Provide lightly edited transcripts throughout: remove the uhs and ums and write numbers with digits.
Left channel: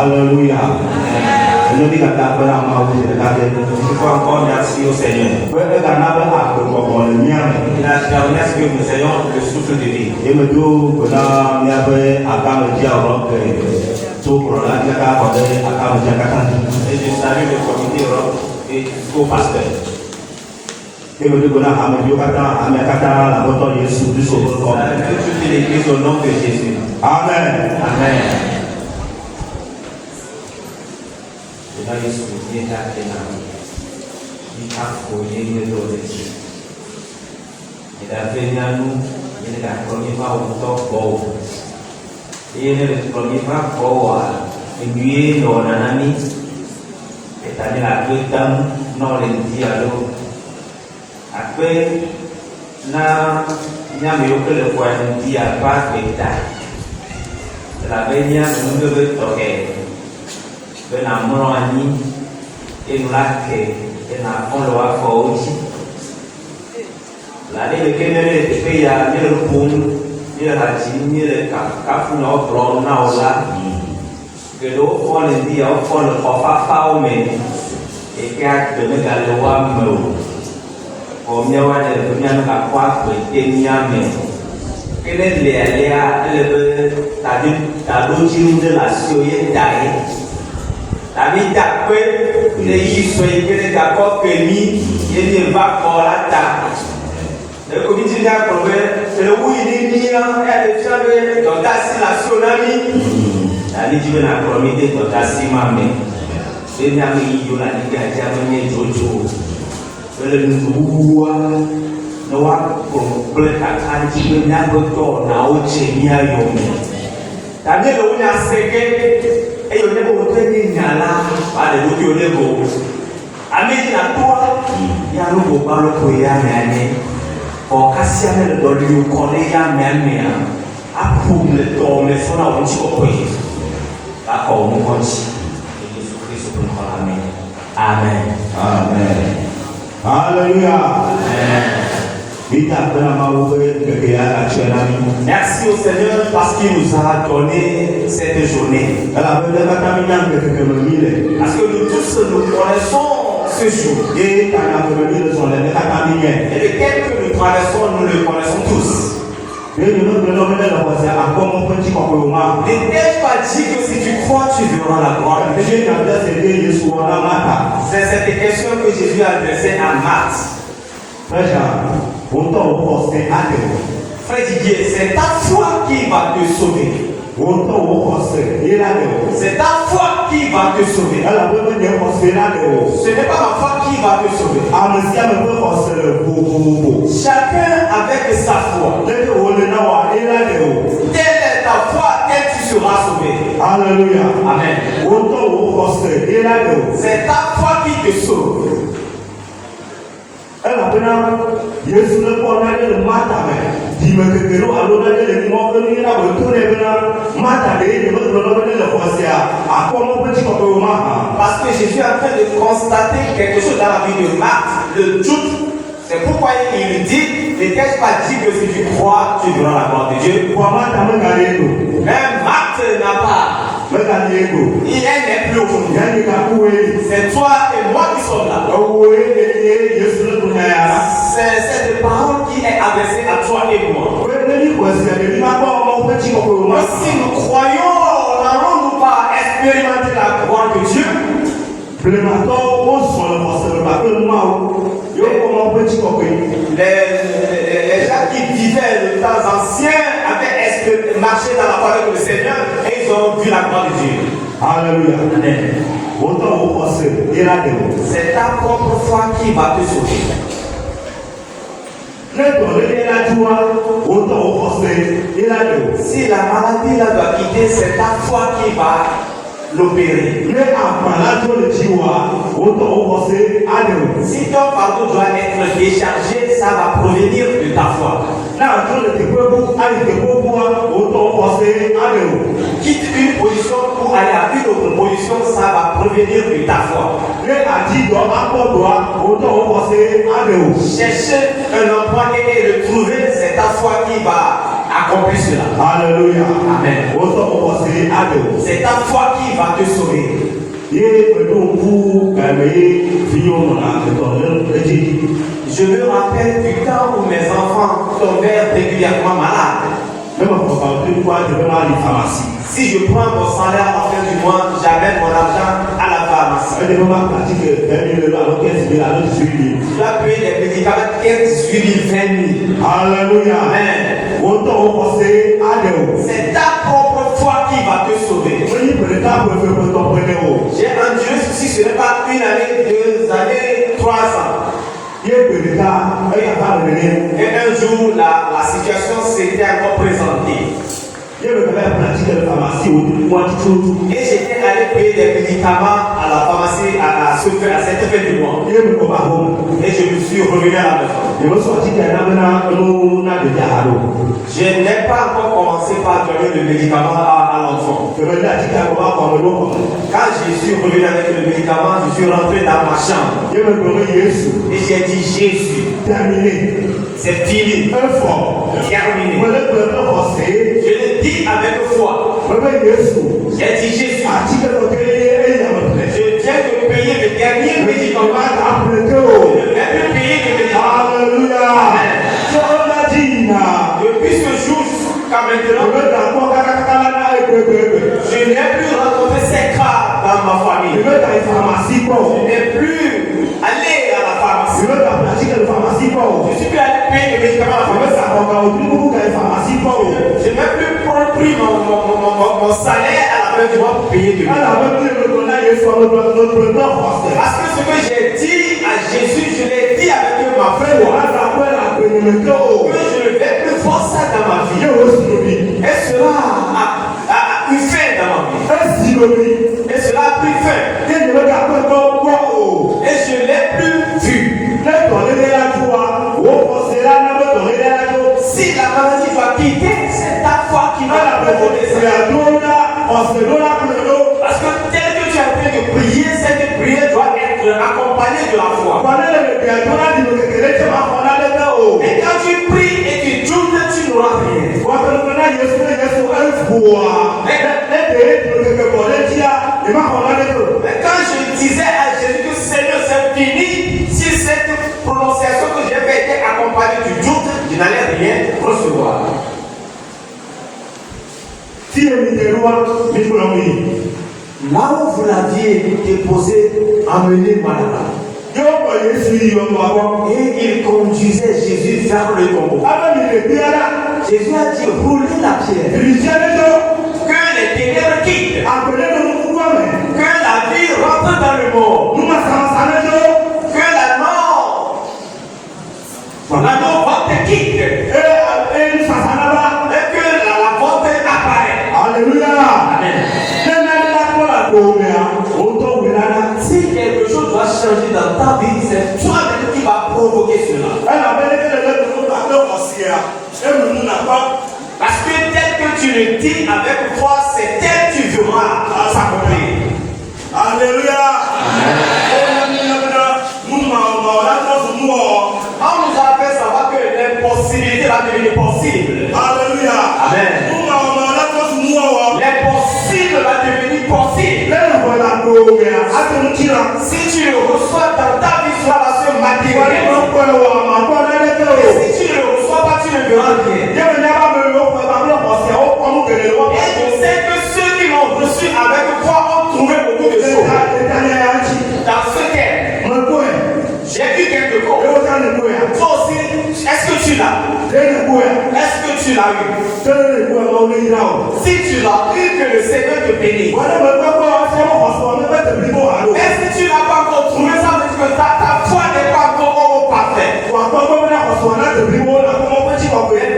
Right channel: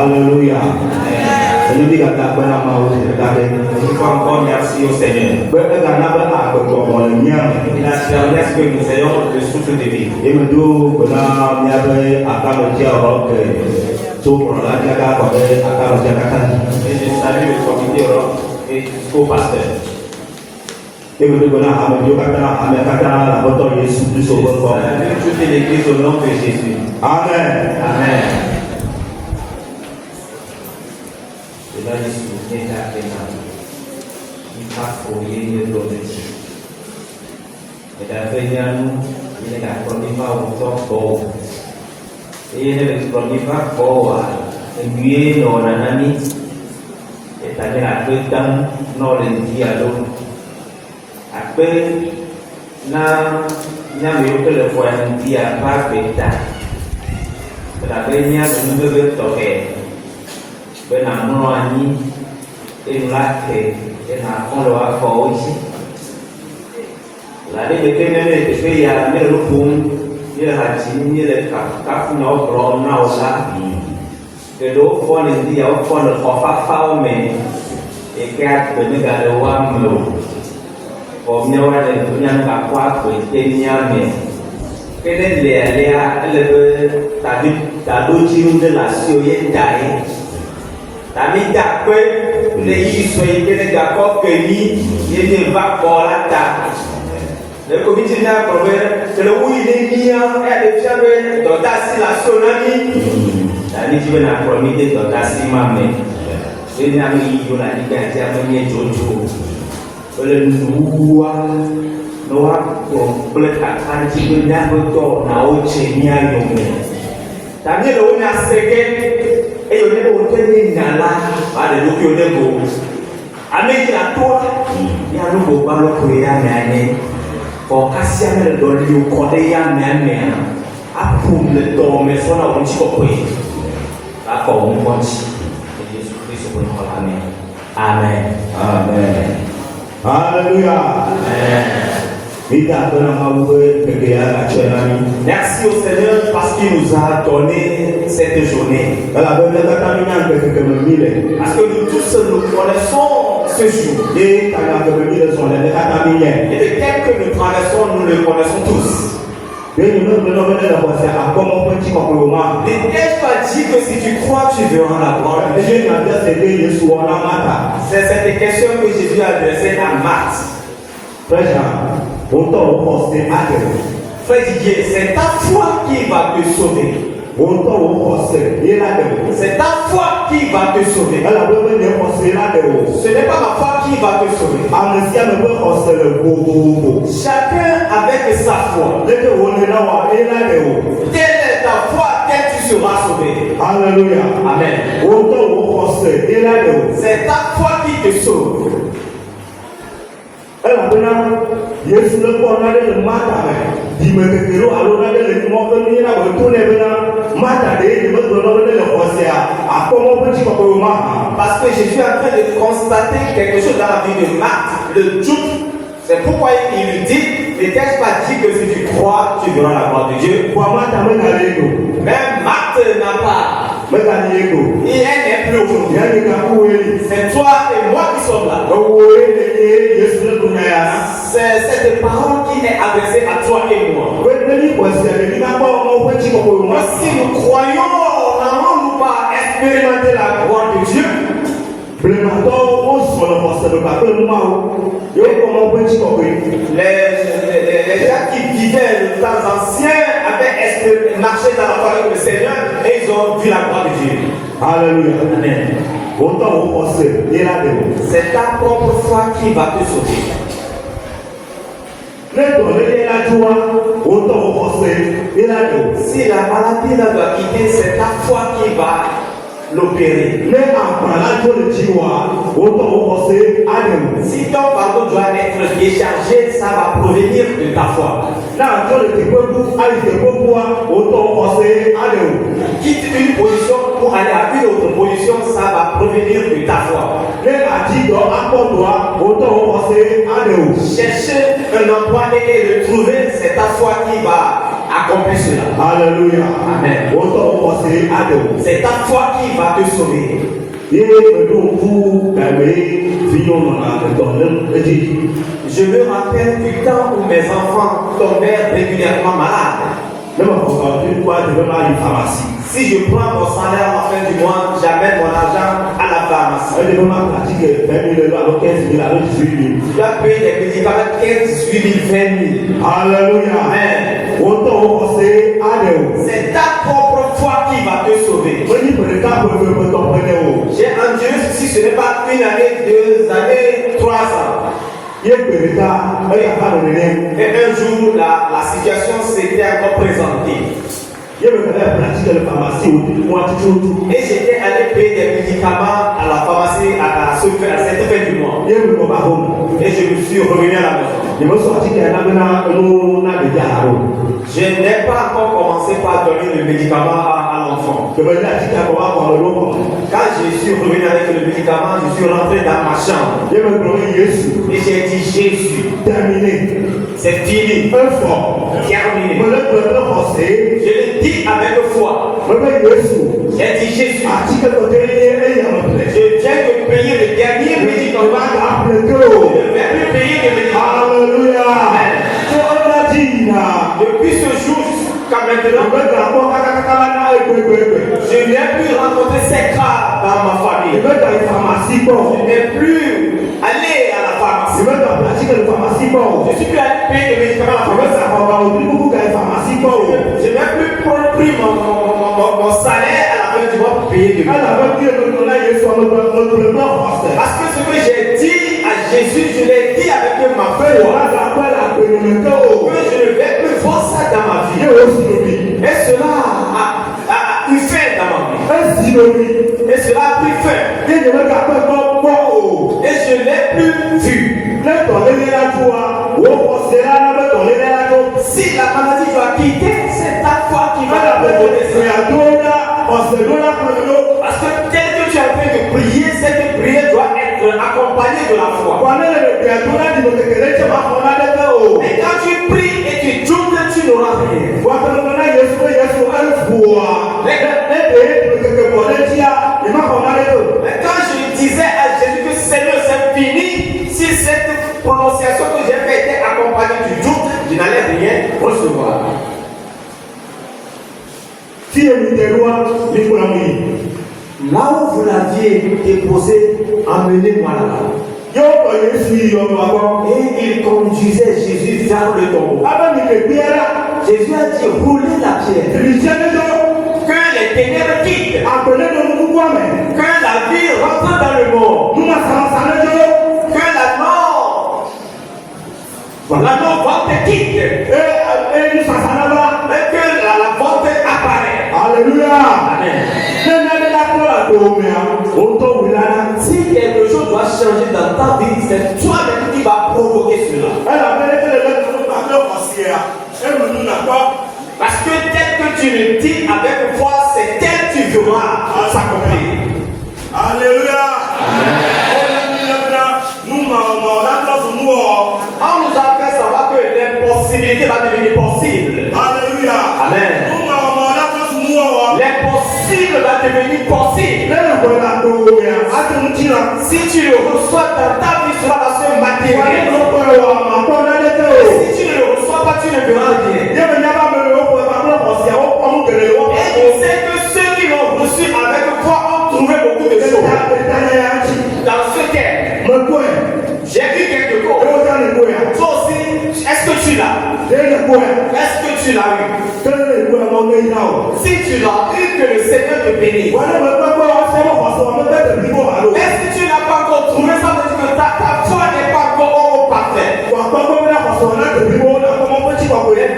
Alléluia. Ennemi kata bena mau kata encore merci au Seigneur. Il a ce que nous ayons le souffle de vie. Et me dit qu'on a mis à Et je salue le comité Europe et au pasteur. Et me dit qu'on a toutes les églises au nom de Jésus. Amen. Amen. Et là, Jésus est là. Il a fouillé le prodigue. Et la veille, il est la première au top beau. Et il est le premier beau. Et lui, dans un ami, et t'as mis la deux dames, non, les dialogues. Après, là, il y a mieux que le point de dialogue, pas de la veille, nous devons toquer. Ben amroani elake ena kondo afo la de kemele te ya le pum ni la chini le kafu na okro na ola que do fo le dia o fo le khofa fa o me e ke at de me ga le wa mo o me wa de dunia ka kwa ko e nya me que le ta do chini de la sio ye dai Tami dakwe le yisoi kele gako kemi yene va kola ta. Le comité n'a pas le oui les miens et les femmes dans la tsunami. La ligue n'a pas mis dans la simame. Et n'a pas eu la ligue à terminer jojo. Le noua noa pour bleu à kanti que n'a pas d'or na oche nia yome. Tami le on a séqué. Et on est au dernier là, le look au niveau. Avec la toi, il y a l'eau au ballon pour y amener. Pour casser le dos du collègue à mener. À pour le dos, mais son nom est coupé. D'accord, on voit ici. Et Jésus-Christ pour nous parler. Amen. Amen. Alléluia. Amen. Merci au Seigneur parce qu'il nous a donné cette journée. Parce que nous tous nous connaissons ce jour. Et lequel que nous traversons, nous le connaissons tous. N'ai-je pas dit que si tu crois, tu verras la gloire de Dieu? C'est cette question que Jésus a adressée à Marthe. Frère Didier, c'est ta foi qui va te sauver. C'est ta foi qui va te sauver. Ce n'est pas ma foi qui va te sauver. Chacun avec sa foi. Telle est ta foi, telle tu seras sauvé. Alléluia. Amen. C'est ta foi qui te sauve. Yesu le kɔ na de le mata me dimekekero alo na de le nimɔ ƒe nuyi na beto ne bena mata de ye me gblɔ na be le xɔsia akɔmɔ ƒe tsikɔkɔ ma hã. Parce que Jésus est en train de constater quelque chose dans la vie de Marthe, le doute. C'est pourquoi il lui dit, n'ai-je pas dit que si tu crois, tu verras la gloire de Dieu. Même Marthe n'a pas. Et elle n'est plus aujourd'hui. C'est toi et moi qui sommes là. C'est cette parole qui est adressée à toi et moi. Si nous croyons, n'allons-nous pas expérimenter la gloire de Dieu? Les gens qui vivaient le temps ancien avaient marché dans la foi avec le Seigneur et ils ont vu la gloire de Dieu. Alléluia. Amen. C'est ta propre foi qui va te sauver. Si la maladie là doit quitter, c'est ta foi qui va l'opérer. Si ton fardeau doit être déchargé, ça va provenir de ta foi. Quitte une position pour aller à une autre position, ça va provenir de ta foi. Chercher un emploi et le trouver, c'est ta foi qui va accomplir cela. Alléluia. Amen. C'est ta foi qui va te sauver. Je me rappelle du temps où mes enfants tombèrent régulièrement malades. Si je prends mon salaire à la fin du mois, j'amène mon argent à la pharmacie. Je dois payer les médicaments 15, 18 000, 20 000. Alléluia. Amen. C'est ta propre foi qui va te sauver. J'ai un Dieu, si ce n'est pas une année, 2 années, 3 ans. Et un jour, la situation s'était encore présentée. Et j'étais allé payer des médicaments à la pharmacie à cette fin du mois. Et je me suis revenu à la maison. Je n'ai pas encore commencé par donner le médicament à l'enfant. Quand je suis revenu avec le médicament, je suis rentré dans ma chambre. Et j'ai dit Jésus, terminé. C'est fini. Terminé. Je l'ai dit avec foi. J'ai dit Jésus, je viens de payer le dernier médicament. Je ne vais plus payer le médicament. Alléluia. Depuis ce jour jusqu'à maintenant, je n'ai plus rencontré ces cas dans ma famille. Je n'ai plus allé à la pharmacie. Je suis plus allé payer le médicament à la pharmacie. Je n'ai plus pris mon salaire à la fin du mois pour payer le médicament. Parce que ce que j'ai dit à Jésus, je l'ai dit avec ma foi. Que je ne vais plus voir ça dans ma vie. Et cela a eu fin dans ma vie. Et cela a pris fin. Et je ne l'ai plus vu. Si la maladie va quitter, c'est ta foi qui va la protéger. Parce que tel que tu es en train de prier, cette prière doit être accompagnée de la foi. Et quand tu pries et tu tournes, tu n'auras rien. Mais quand je disais à Jésus que Seigneur, c'est fini, si cette prononciation que j'ai faite était accompagnée du doute, je n'allais rien recevoir. Là où vous l'aviez déposé, emmenez-moi là-bas. Et il conduisait Jésus vers le tombeau. Jésus a dit roulez la pierre. Que les ténèbres quittent. Que la vie rentre dans le monde. Que la mort te quitte. Et que la vente apparaît. Alléluia. Amen. Si quelque chose doit changer dans ta vie, c'est toi-même qui va provoquer cela. Parce que tel que tu le dis avec foi, c'est tel que tu verras s'accomplir. Alléluia. On nous a fait savoir que l'impossibilité va devenir possible. Alléluia. Amen. L'impossible va devenir possible. Si tu le reçois dans ta vie, cela va se matérialiser. Si tu ne le reçois pas, tu ne verras rien. Et tu sais que ceux qui l'ont reçu avec foi ont trouvé beaucoup de choses. Dans ce thème, j'ai vu quelque chose. Toi aussi, est-ce que tu l'as? Est-ce que tu l'as eu? Si tu l'as eu, que le Seigneur te bénisse. Et si tu n'as pas encore trouvé, ça veut dire que ta foi n'est pas encore parfaite.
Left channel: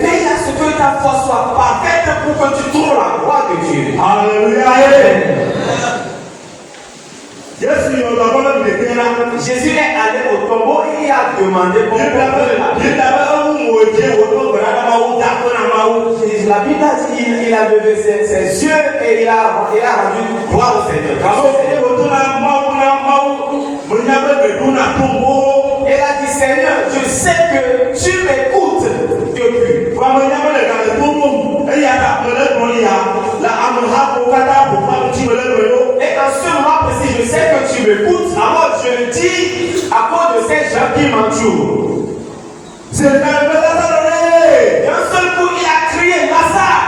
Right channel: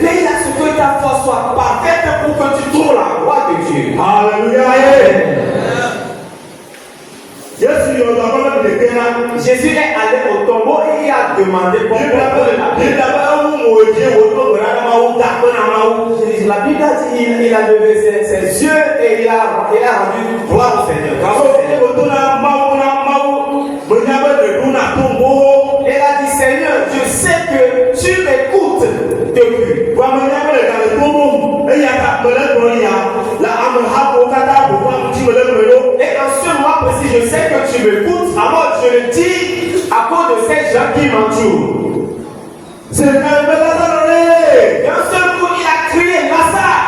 Veille à ce que ta foi soit parfaite pour que tu trouves la voie de Dieu. Alléluia. Jésus est allé au tombeau et il a demandé pourquoi la Bible a dit il a levé ses yeux et il a rendu gloire au Seigneur. Et il a dit Seigneur, je sais que tu m'écoutes depuis. Et en ce moment précis, je sais que tu m'écoutes. Alors je le dis à cause de ces gens qui m'entourent. Et un seul coup, il a crié Lazare,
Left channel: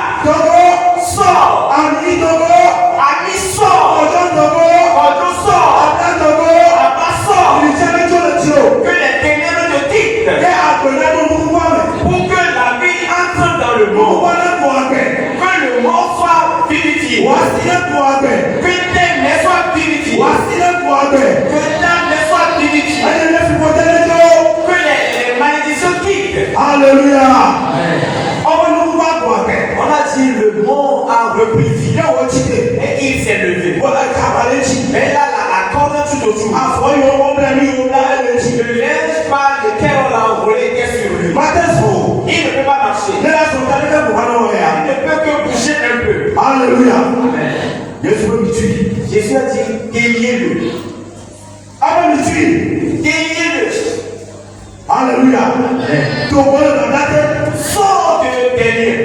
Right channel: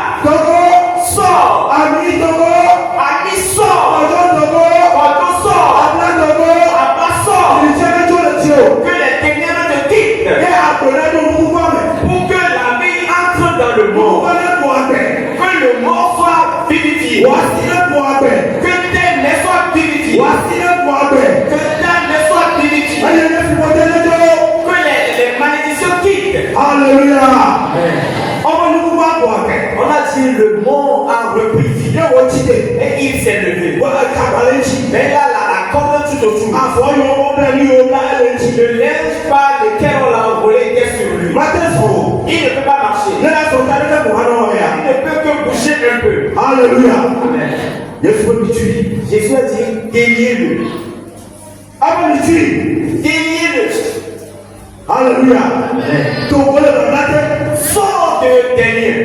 sors. Ami, sors. Pardon, sors. Abba, sors. Que les ténèbres te quittent. Pour que la vie entre dans le monde. Que le monde soit vérifié. Que tes mains soient vérifiées. Que ta main soit vérifiée. Que les malédictions quittent. Alléluia. On a dit le monde a repris vie. Et il s'est levé. Mais là, la corde tout autour. Le linge par lequel on l'a envolé était sur lui. Il ne peut pas marcher. Il ne peut que bouger un peu. Alléluia. Amen. Jésus a dit déliez-le. Déliez-le. Alléluia. Sors de tes liens.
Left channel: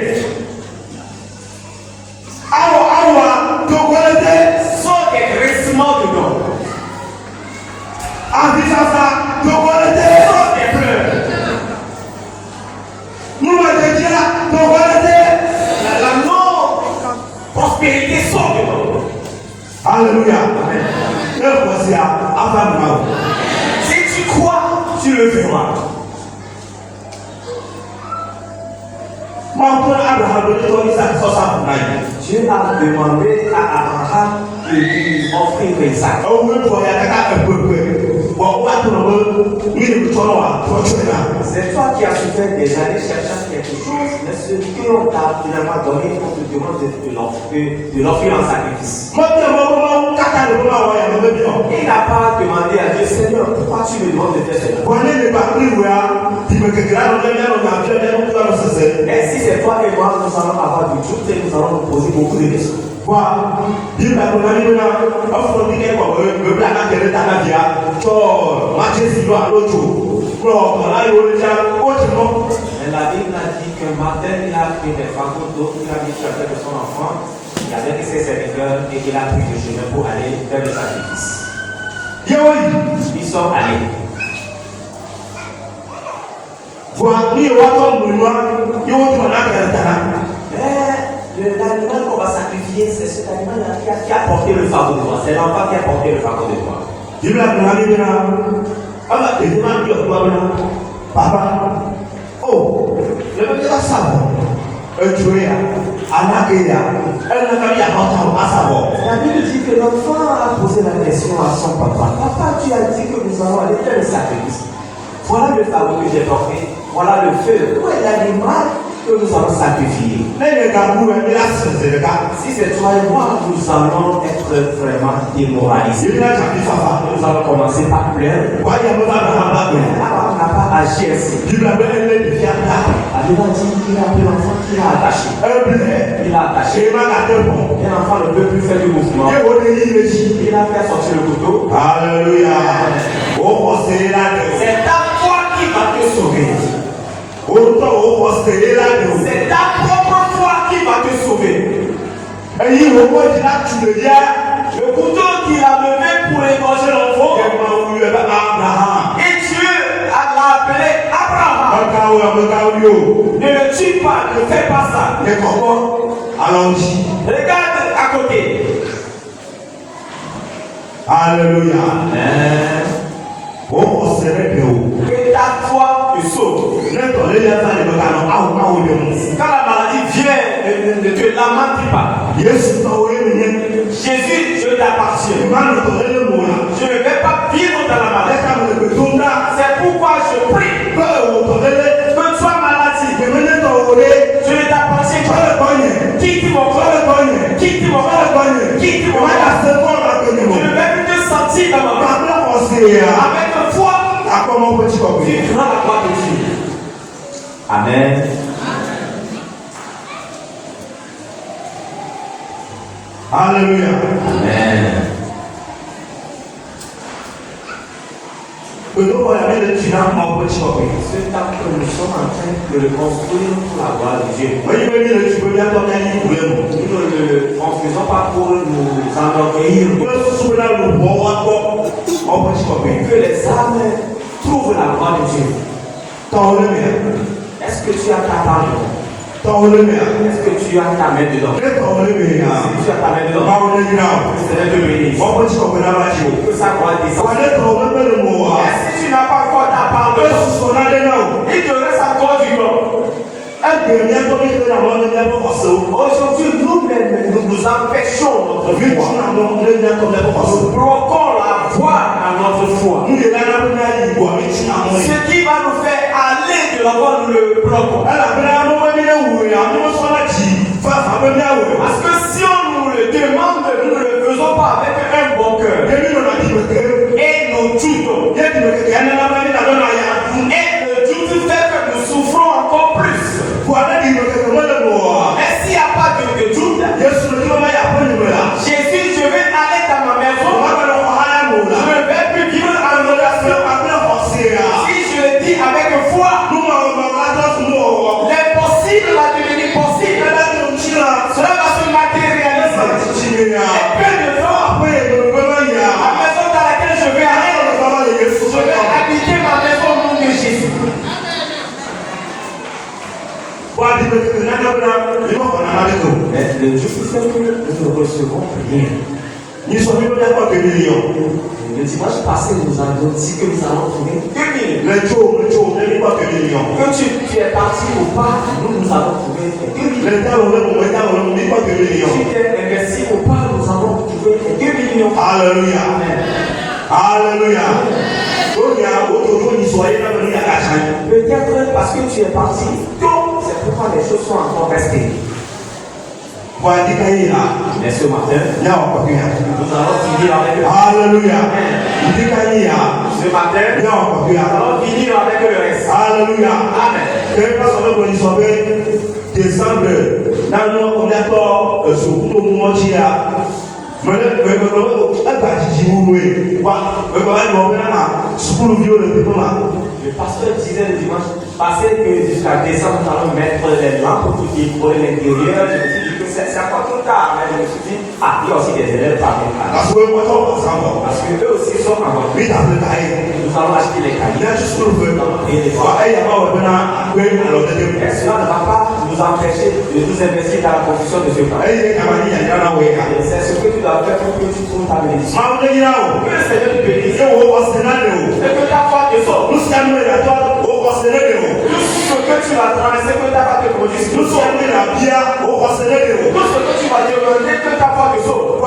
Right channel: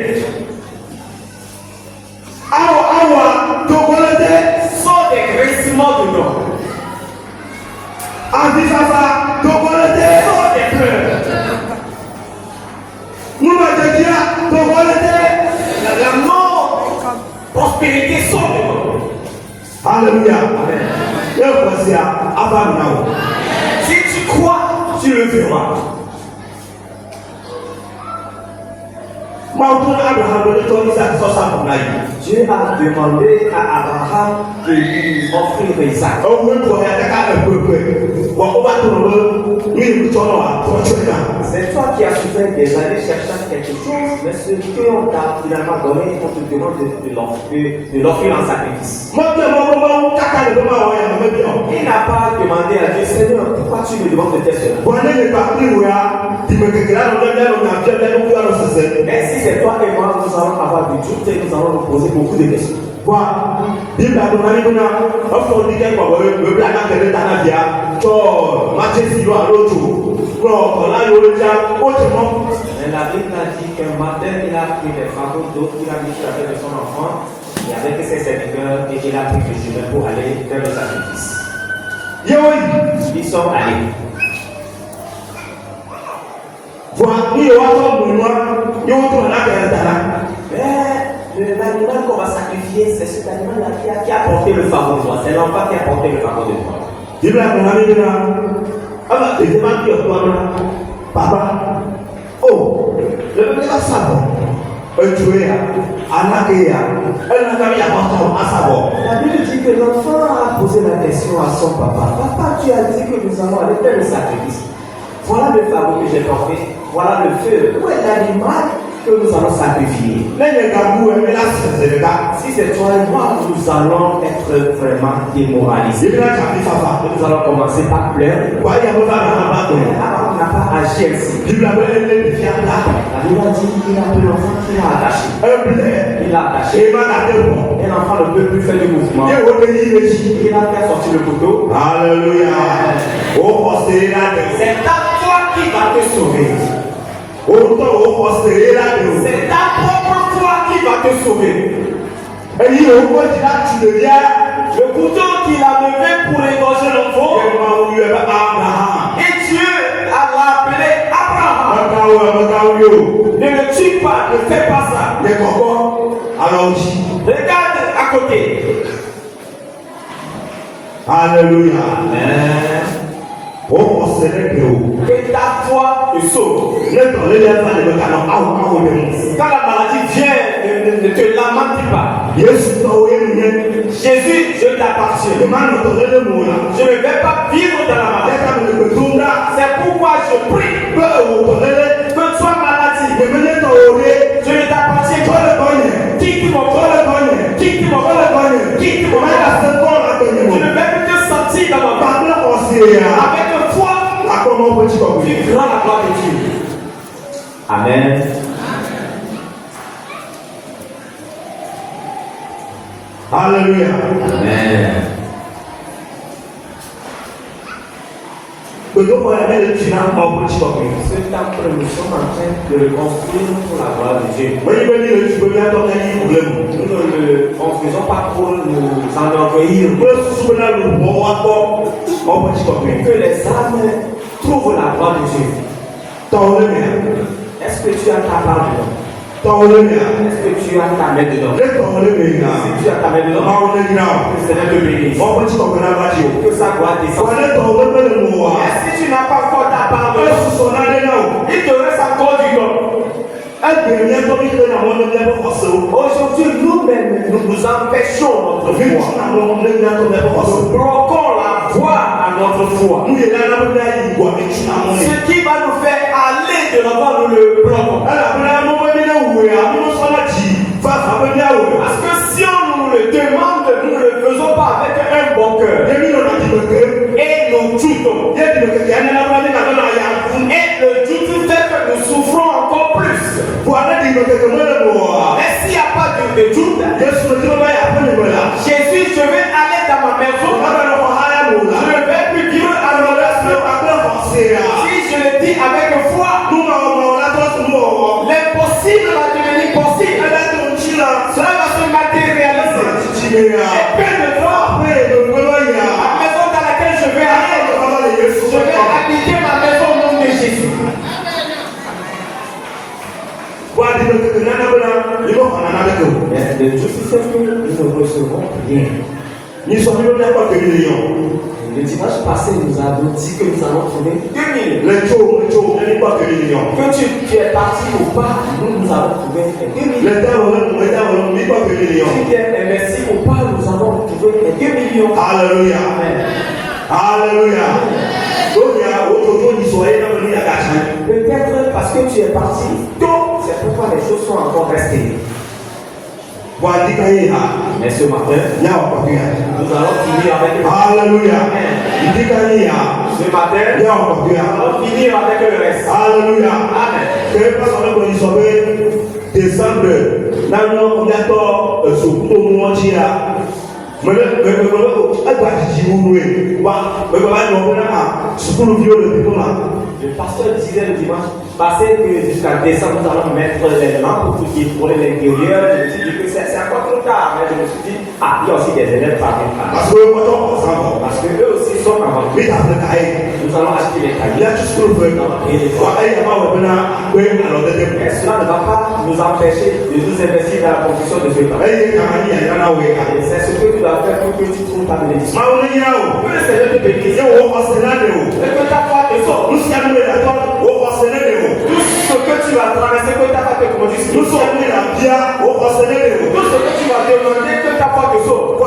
Sors des graissements dedans. Sors des pleurs. La non-prospérité sort dedans. Alléluia. Si tu crois, tu le verras. Dieu a demandé à Abraham de lui offrir Isaac. C'est toi qui as souffert des années cherchant quelque chose, mais ce qu'on t'a finalement donné, on te demande de l'offrir en sacrifice. Il n'a pas demandé à Dieu, Seigneur, pourquoi tu me demandes de faire cela? Mais si c'est toi et moi, nous allons avoir du doute et nous allons nous poser beaucoup de questions. Mais la Bible a dit qu'un matin, il a pris des fagots d'eau, il a mis sur la tête de son enfant, et avec ses serviteurs, et il a pris le chemin pour aller faire le sacrifice. Ils sont allés. Mais l'animal qu'on va sacrifier, c'est cet animal qui a porté le fardeau de toi. C'est l'enfant qui a porté le fardeau de toi. Papa, oh, le même là, ça va. La Bible dit que l'enfant a posé la question à son papa. Papa, tu as dit que nous allons aller faire le sacrifice. Voilà le fardeau que j'ai porté. Voilà le feu. Où est l'animal que nous allons sacrifier? Si c'est toi et moi, nous allons être vraiment démoralisés. Nous allons commencer par pleurer. Abraham n'a pas agi ainsi. La Bible a dit qu'il a pris l'enfant qu'il a attaché. Il a attaché. Et l'enfant ne peut plus faire du mouvement. Il a fait sortir le couteau. Alléluia. C'est ta foi qui va te sauver. C'est ta propre foi qui va te sauver. Le couteau qu'il a levé pour égorger l'enfant. Et Dieu l'a appelé Abraham. Ne le tue pas, ne fais pas ça. Regarde à côté. Alléluia. Amen. Que ta foi te sauve. Quand la maladie vient ne te lamente pas. Jésus, je t'appartiens. Je ne vais pas vivre dans la maladie. C'est pourquoi je prie que tu sois maladie. Je ne t'appartiens pas. Quitte mon corps. Quitte mon corps. Quitte mon corps. Je ne vais plus te sentir dans ma main. Avec foi, tu prends la gloire de Dieu. Amen. Alléluia. Amen. Ce temps que nous sommes en train de le construire pour la gloire de Dieu. Nous ne le construisons pas pour nous enorgueillir. Que les âmes trouvent la gloire de Dieu. Est-ce que tu as ta part dedans? Est-ce que tu as ta main dedans? Si tu as ta main dedans, que le Seigneur te bénisse. Que sa gloire descende. Et si tu n'as pas encore ta part dedans, il te reste encore du temps. Aujourd'hui, nous-mêmes, nous nous empêchons notre foi. Nous bloquons la voie à notre foi. Ce qui va nous faire aller de l'avant, nous le bloquons. Parce que si on nous le demande, nous ne le faisons pas avec un bon cœur. Et nous doutons. Et le doute fait que nous souffrons encore plus. Mais s'il n'y a pas de doute, Jésus, je vais aller dans ma maison. Je ne vais plus vivre à l'honneur. Si je le dis avec foi, l'impossible va devenir possible. Cela va se matérialiser. Et peu de temps, la maison dans laquelle je vais aller, je vais habiter ma maison au nom de Jésus. Mais le Dieu c'est que nous ne recevrons rien. Le dimanche passé, nous avons dit que nous allons trouver 2 millions. Que tu es parti ou pas, nous allons trouver 2 millions. Si tu es investi ou pas, nous allons trouver 2 millions. Alléluia. Amen. Alléluia. Peut-être parce que tu es parti tôt, c'est pourquoi les choses sont encore restées. Mais ce matin, nous allons finir avec le reste. Alléluia. Ce matin, nous allons finir avec le reste. Alléluia. Amen. Décembre, on est d'accord sur tout le monde. Le pasteur disait le dimanche passé que jusqu'à décembre, nous allons mettre les lampes pour décorer l'intérieur. Je me suis dit que c'est encore trop tard. Mais je me suis dit, il y a aussi des élèves parmi nous. Parce que eux aussi sont avant. Nous allons acheter les cahiers. Nous allons payer les droits. Et cela ne va pas nous empêcher de nous investir dans la construction de ce camp. C'est ce que tu dois faire pour que tu trouves ta bénédiction. Que le Seigneur te bénisse. Et que ta foi te sauve. Tout ce que tu vas traverser, que ta foi te conduise. Tout ce que tu vas demander, que ta foi te sauve.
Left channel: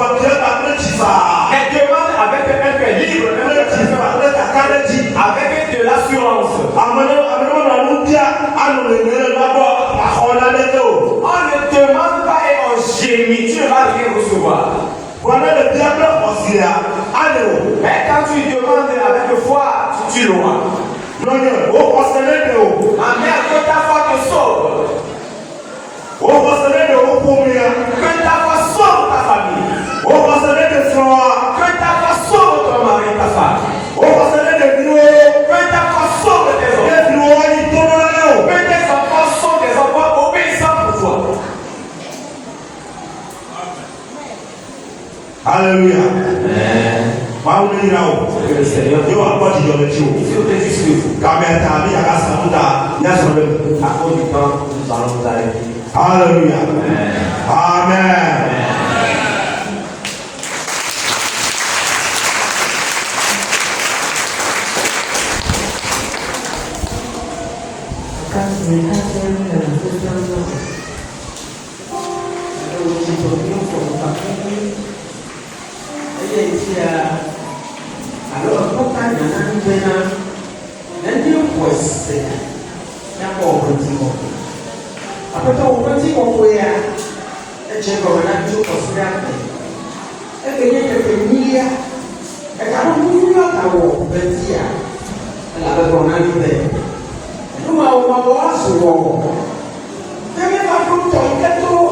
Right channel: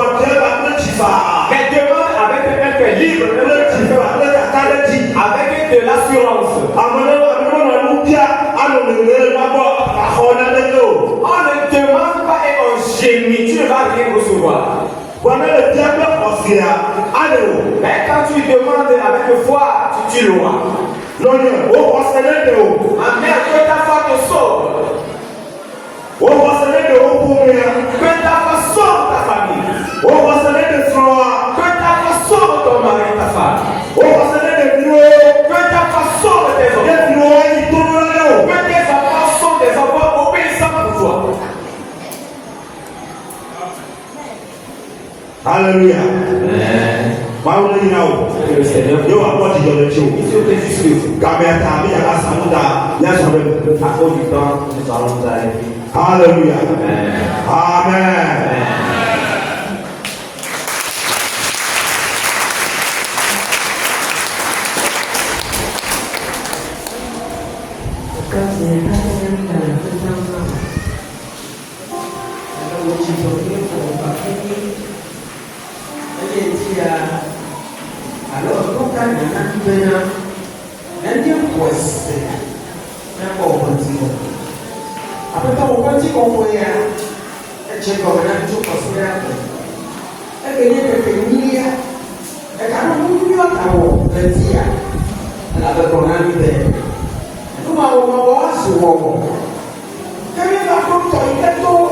Mais demande avec un cœur libre, avec de l'assurance. On ne demande pas et on gémit, tu ne vas rien recevoir. Mais quand tu demandes avec foi, tu l'auras. Amen, que ta foi te sauve. Que ta foi sauve ta famille. Que ta foi sauve ton mari, ta femme. Que ta foi sauve tes enfants. Que tes enfants sont des enfants obéissants pour toi. Alléluia. Amen. Que le Seigneur Yo apporte du à cause du temps, nous allons nous arrêter. Alléluia. Amen. alors quand on a maintenant un dieu poisse d'accord petit bon après ton petit compoé et j'ai comme un jour considérable et que n'y a que milliard et quand on voit ta voix petit la qu'on a libéré nous avons souvent quand il va comme toi il est tout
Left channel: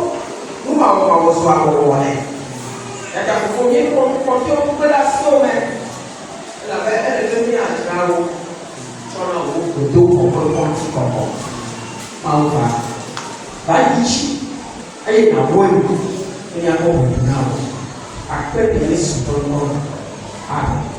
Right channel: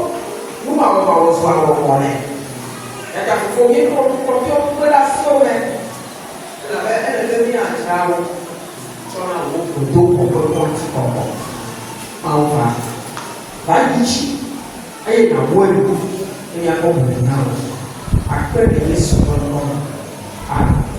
nous avons souvent et quand il faut bien porter une relation elle est venue à Trao sur un groupe d'eau pour que l'on s'y comprenne. Enfin, va ici, et il y a un point il y a un peu de temps. Après, il y a un peu de temps.